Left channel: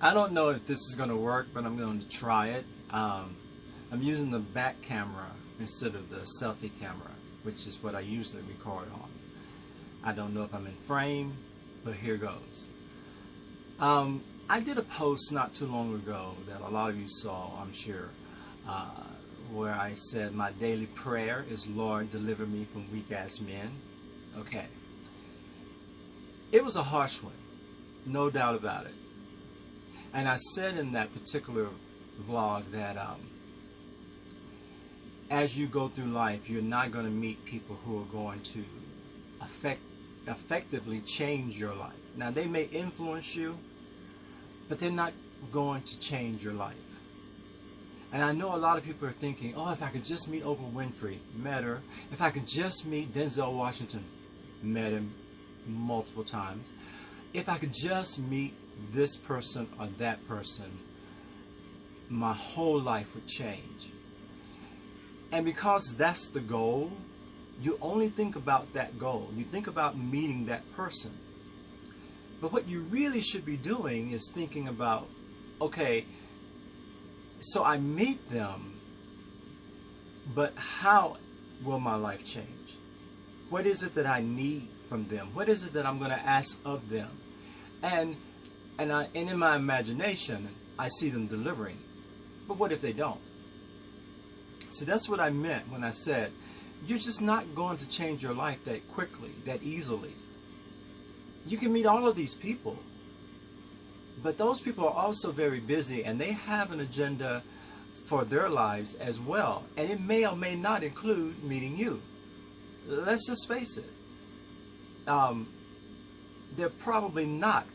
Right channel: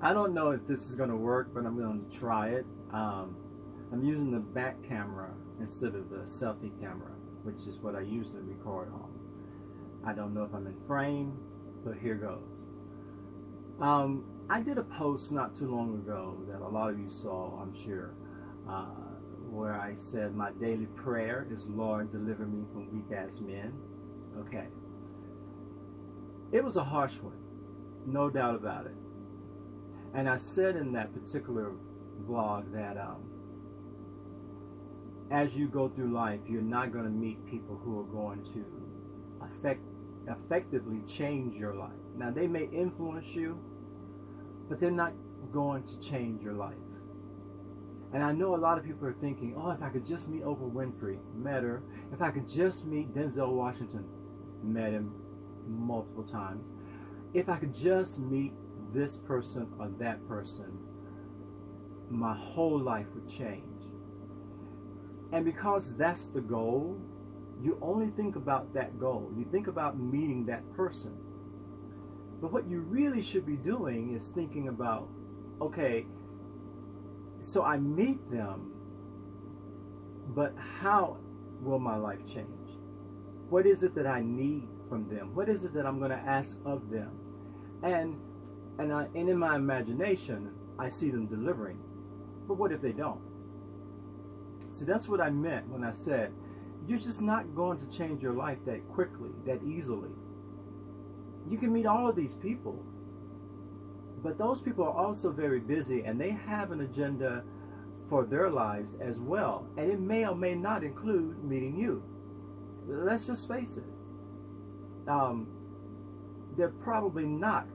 I don't know if this is going to work, but I'm going to try it. I'm using the back camera instead of the selfie camera, which is what I usually record on. I don't know if I'm in frame, but here goes. I did a post not too long ago that a lot of you saw, I'm sure, where I said my daily prayer is, Lord, deliver me from weak-ass men. Okay. It was a harsh one, no doubt about it. And I said in that particular vlog that as you go through life, you're not going to meet people who are going to effectively change your life. Now, they may influence you, but they're not going to change your life. And I know a lot of people are thinking, oh, if I could just meet Oprah Winfrey, met her. If I could just meet Denzel Washington, met him multiple times. If I could just meet this person or that person, my whole life would change. And because that's the goal, you only think about that goal. You think about meeting that person. But what you really should be doing is thinking about, okay, so I meet them, but how will my life change? What is it that I need from them? What is it that I'm going to ask of them? And in my imagination, I see them delivering. But what if they don't? See, that's what I meant when I said, you're just not going to change your life that quickly, that easily. You can meet all of these people, but those people are also very busy and they have an agenda for their lives as well. And it may or may not include meeting you. Let's just face it. They're probably not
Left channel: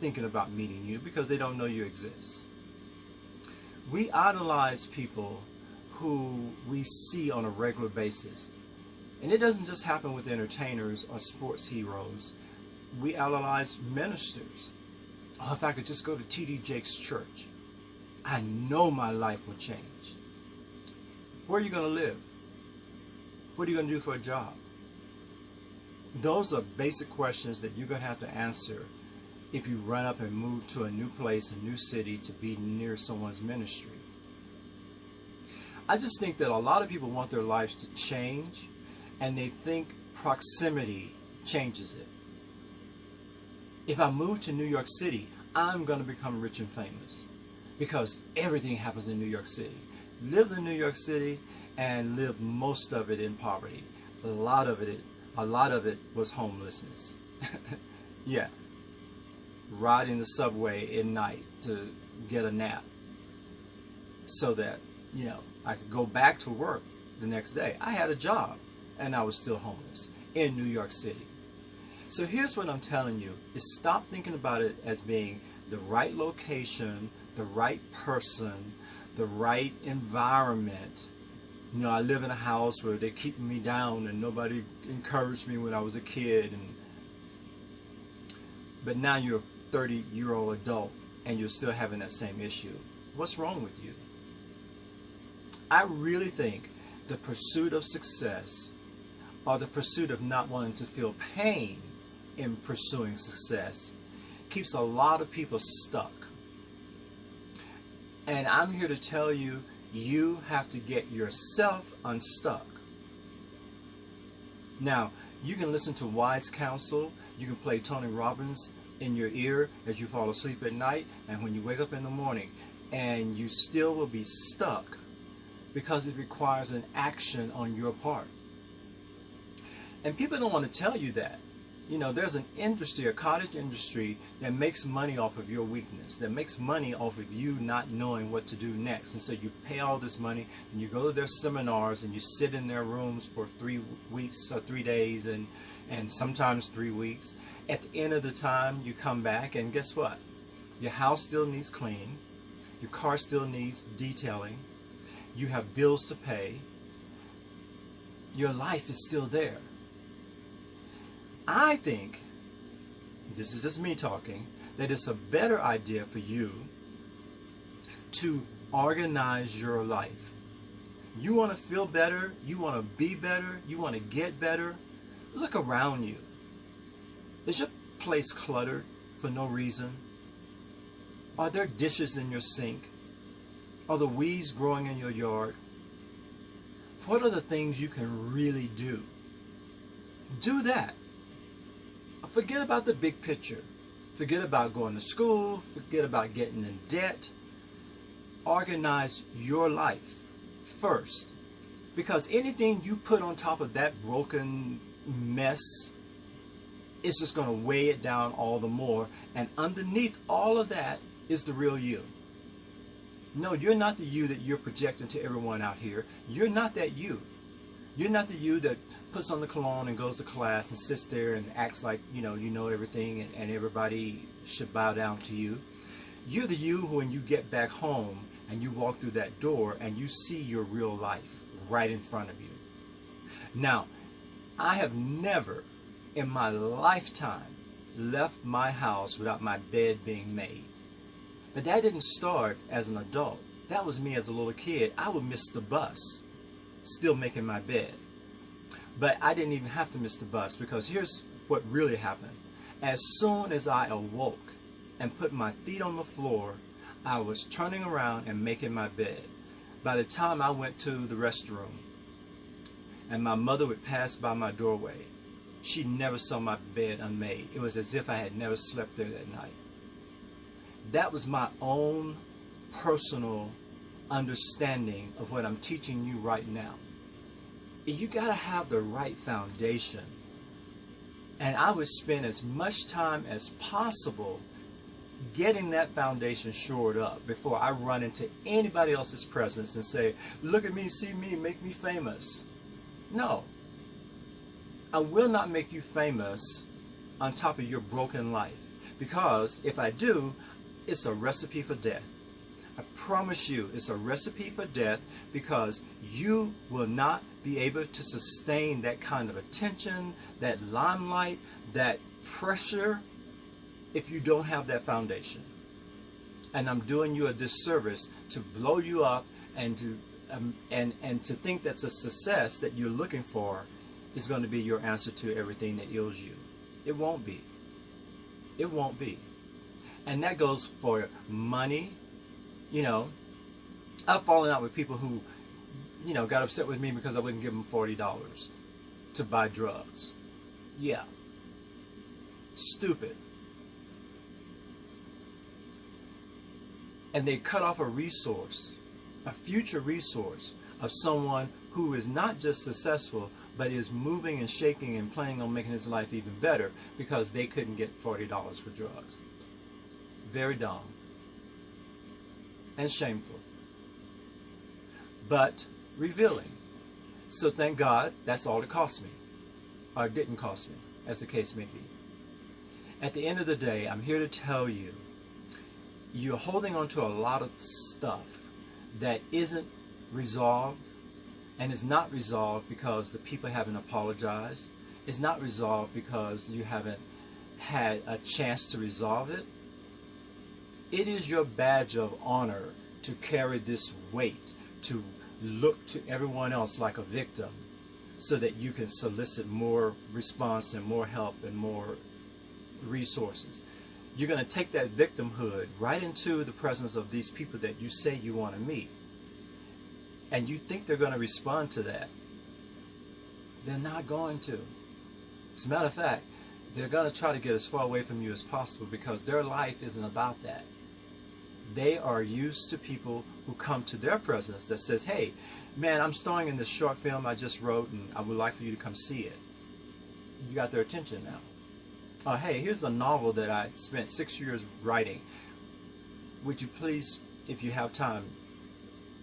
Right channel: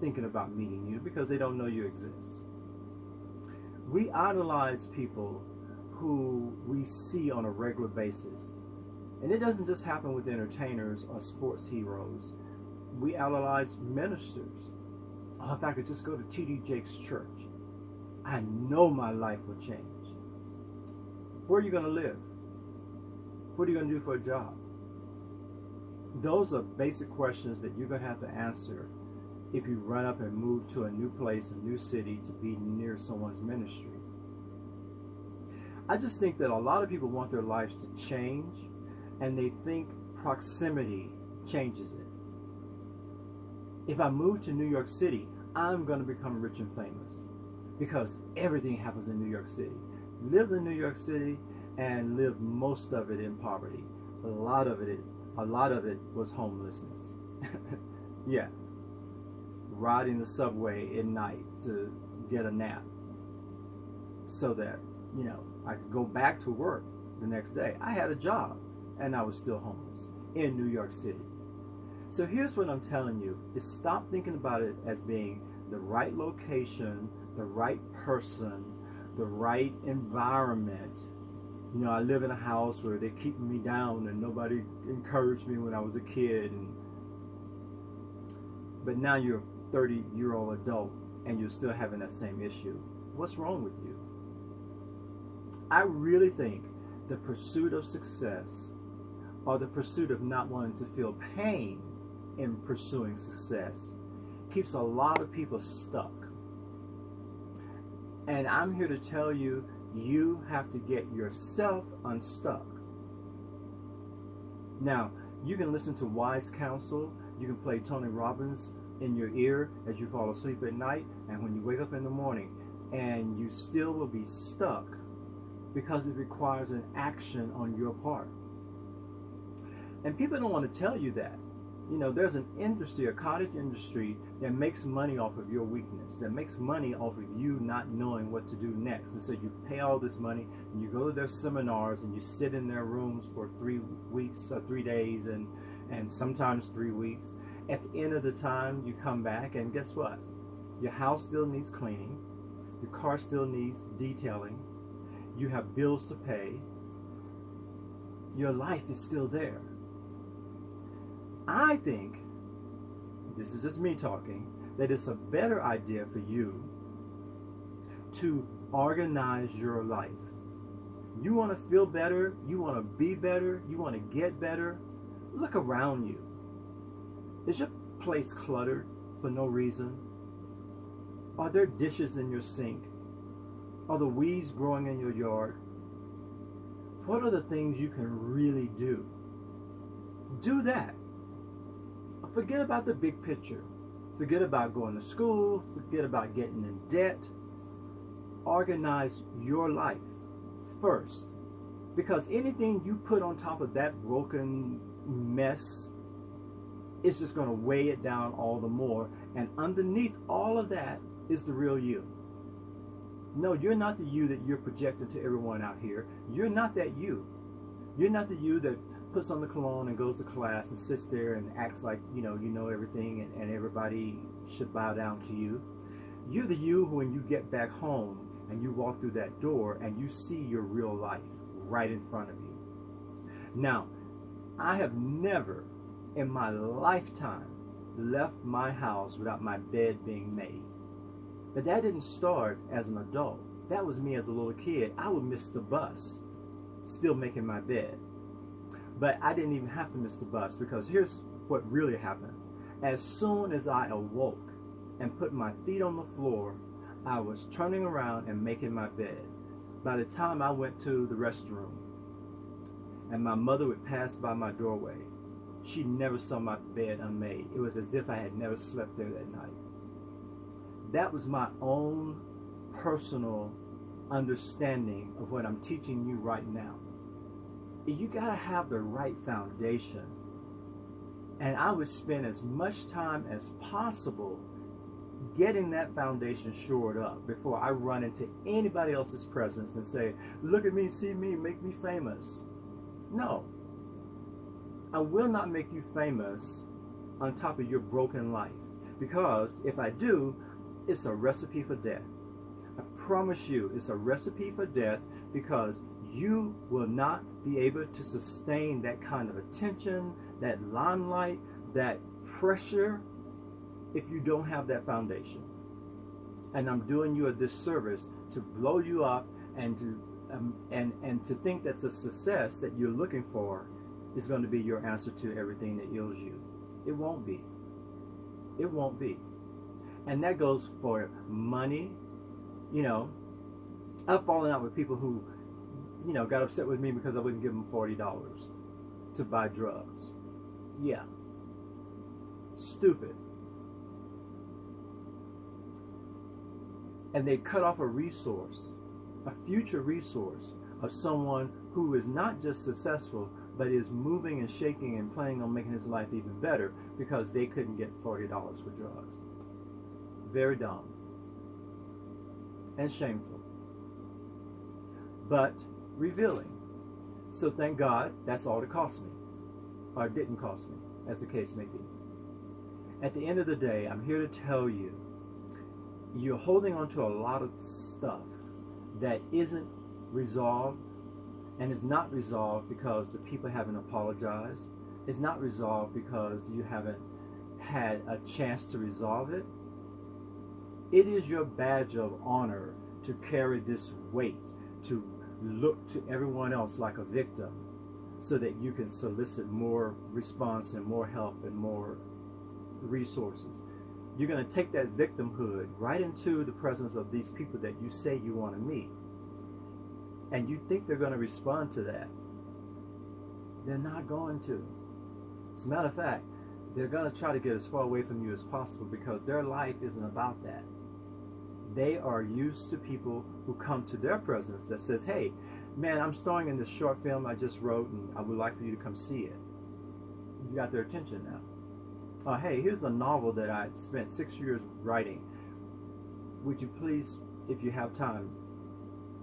thinking about meeting you because they don't know you exist. We idolize people who we see on a regular basis. And it doesn't just happen with entertainers or sports heroes. We idolize ministers. Oh, if I could just go to T.D. Jakes' church, I know my life will change. Where are you going to live? What are you going to do for a job? Those are basic questions that you're going to have to answer if you run up and move to a new place, a new city, to be near someone's ministry. I just think that a lot of people want their lives to change, and they think proximity changes it. If I move to New York City, I'm going to become rich and famous because everything happens in New York City. Live in New York City and live most of it in poverty. A lot of it was homelessness. Yeah. Riding the subway at night to get a nap so that, I could go back to work the next day. I had a job and I was still homeless in New York City. So here's what I'm telling you, is stop thinking about it as being the right location, the right person, the right environment. I live in a house where they're keeping me down and nobody encouraged me when I was a kid. But now you're a 30-year-old adult and you're still having that same issue. What's wrong with you? I really think the pursuit of success or the pursuit of not wanting to feel pain in pursuing success keeps a lot of people stuck. And I'm here to tell you, you have to get yourself unstuck. Now, you can listen to wise counsel, you can play Tony Robbins in your ear as you fall asleep at night, and when you wake up in the morning, and you still will be stuck because it requires an action on your part. And people don't want to tell you that. There's an industry, a cottage industry, that makes money off of your weakness, that makes money off of you not knowing what to do next. And so you pay all this money and you go to their seminars and you sit in their rooms for 3 weeks or 3 days and sometimes 3 weeks. At the end of the time, you come back and guess what? Your house still needs cleaning. Your car still needs detailing. You have bills to pay. Your life is still there. I think, this is just me talking, that it's a better idea for you to organize your life. You want to feel better, you want to be better, you want to get better, look around you. Is your place cluttered for no reason? Are there dishes in your sink? Are the weeds growing in your yard? What are the things you can really do? Do that. Forget about the big picture. Forget about going to school. Forget about getting in debt. Organize your life first. Because anything you put on top of that broken mess is just going to weigh it down all the more. And underneath all of that is the real you. No, you're not the you that you're projecting to everyone out here. You're not that you. You're not the you that puts on the cologne and goes to class and sits there and acts like you know everything and everybody should bow down to you. You're the you who, when you get back home and you walk through that door and you see your real life right in front of you. Now, I have never in my lifetime left my house without my bed being made. But that didn't start as an adult. That was me as a little kid. I would miss the bus, still making my bed. But I didn't even have to miss the bus, because here's what really happened. As soon as I awoke and put my feet on the floor, I was turning around and making my bed. By the time I went to the restroom and my mother would pass by my doorway, she never saw my bed unmade. It was as if I had never slept there that night. That was my own personal understanding of what I'm teaching you right now. You got to have the right foundation. And I would spend as much time as possible getting that foundation shored up before I run into anybody else's presence and say, look at me, see me, make me famous. No. I will not make you famous on top of your broken life. Because if I do, it's a recipe for death. I promise you, it's a recipe for death, because you will not be able to sustain that kind of attention, that limelight, that pressure, if you don't have that foundation. And I'm doing you a disservice to blow you up and to think that's a success that you're looking for is going to be your answer to everything that ails you. It won't be. It won't be. And that goes for money. You know, I've fallen out with people who, got upset with me because I wouldn't give them $40 to buy drugs. Yeah. Stupid. And they cut off a resource, a future resource of someone who is not just successful, but is moving and shaking and planning on making his life even better because they couldn't get $40 for drugs. Very dumb. And shameful. But revealing. So thank God that's all it cost me. Or it didn't cost me, as the case may be. At the end of the day, I'm here to tell you, you're holding on to a lot of stuff that isn't resolved, and is not resolved because the people haven't apologized. It's not resolved because you haven't had a chance to resolve it. It is your badge of honor to carry this weight, to look to everyone else like a victim, so that you can solicit more response and more help and more resources. You're going to take that victimhood right into the presence of these people that you say you want to meet. And you think they're going to respond to that. They're not going to. As a matter of fact, they're going to try to get as far away from you as possible, because their life isn't about that. They are used to people who come to their presence that says, hey, man, I'm starring in this short film I just wrote and I would like for you to come see it. You got their attention now. Hey, here's a novel that I spent 6 years writing. Would you please, if you have time,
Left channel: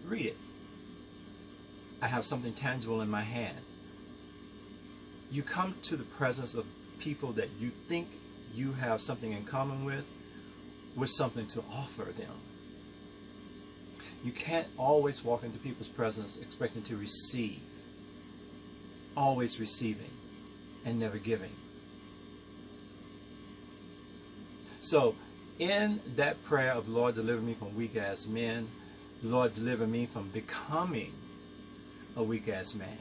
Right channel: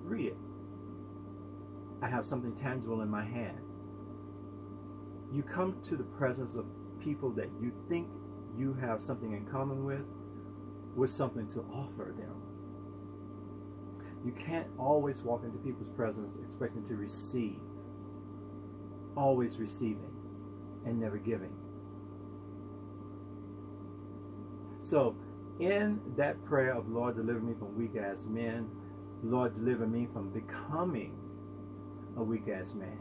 read it? I have something tangible in my hand. You come to the presence of people that you think you have something in common with something to offer them. You can't always walk into people's presence expecting to receive. Always receiving and never giving. So in that prayer of Lord, deliver me from weak ass men, Lord, deliver me from becoming a weak ass man,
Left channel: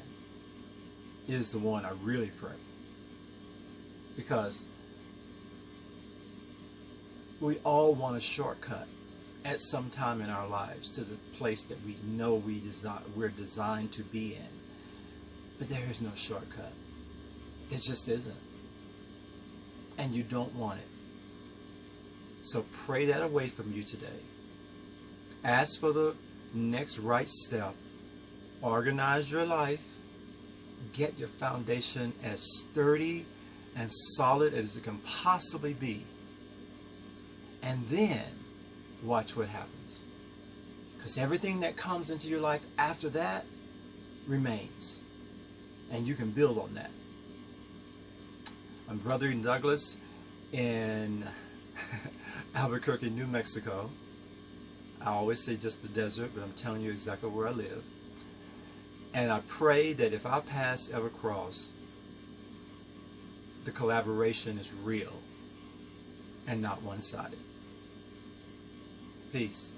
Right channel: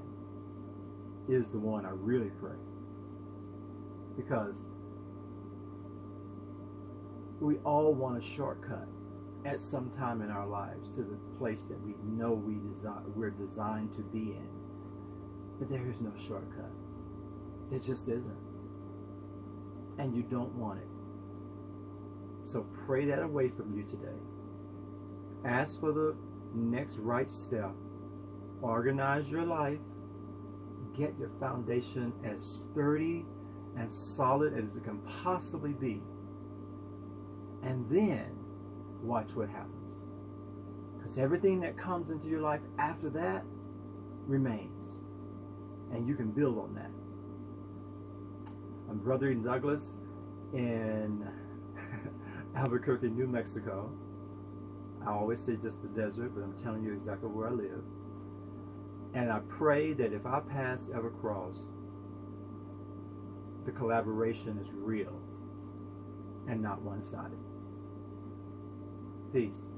is the one I really pray. Because we all want a shortcut. at some time in our lives to the place that we know we're designed to be in. But there is no shortcut. There just isn't. And you don't want it. So pray that away from you today. Ask for the next right step. Organize your life. Get your foundation as sturdy and solid as it can possibly be. And then watch what happens. Because everything that comes into your life after that remains. And you can build on that. I'm Brother Douglas in Albuquerque, New Mexico. I always say just the desert, but I'm telling you exactly where I live. And I pray that if our paths ever cross, the collaboration is real and not one-sided. Peace.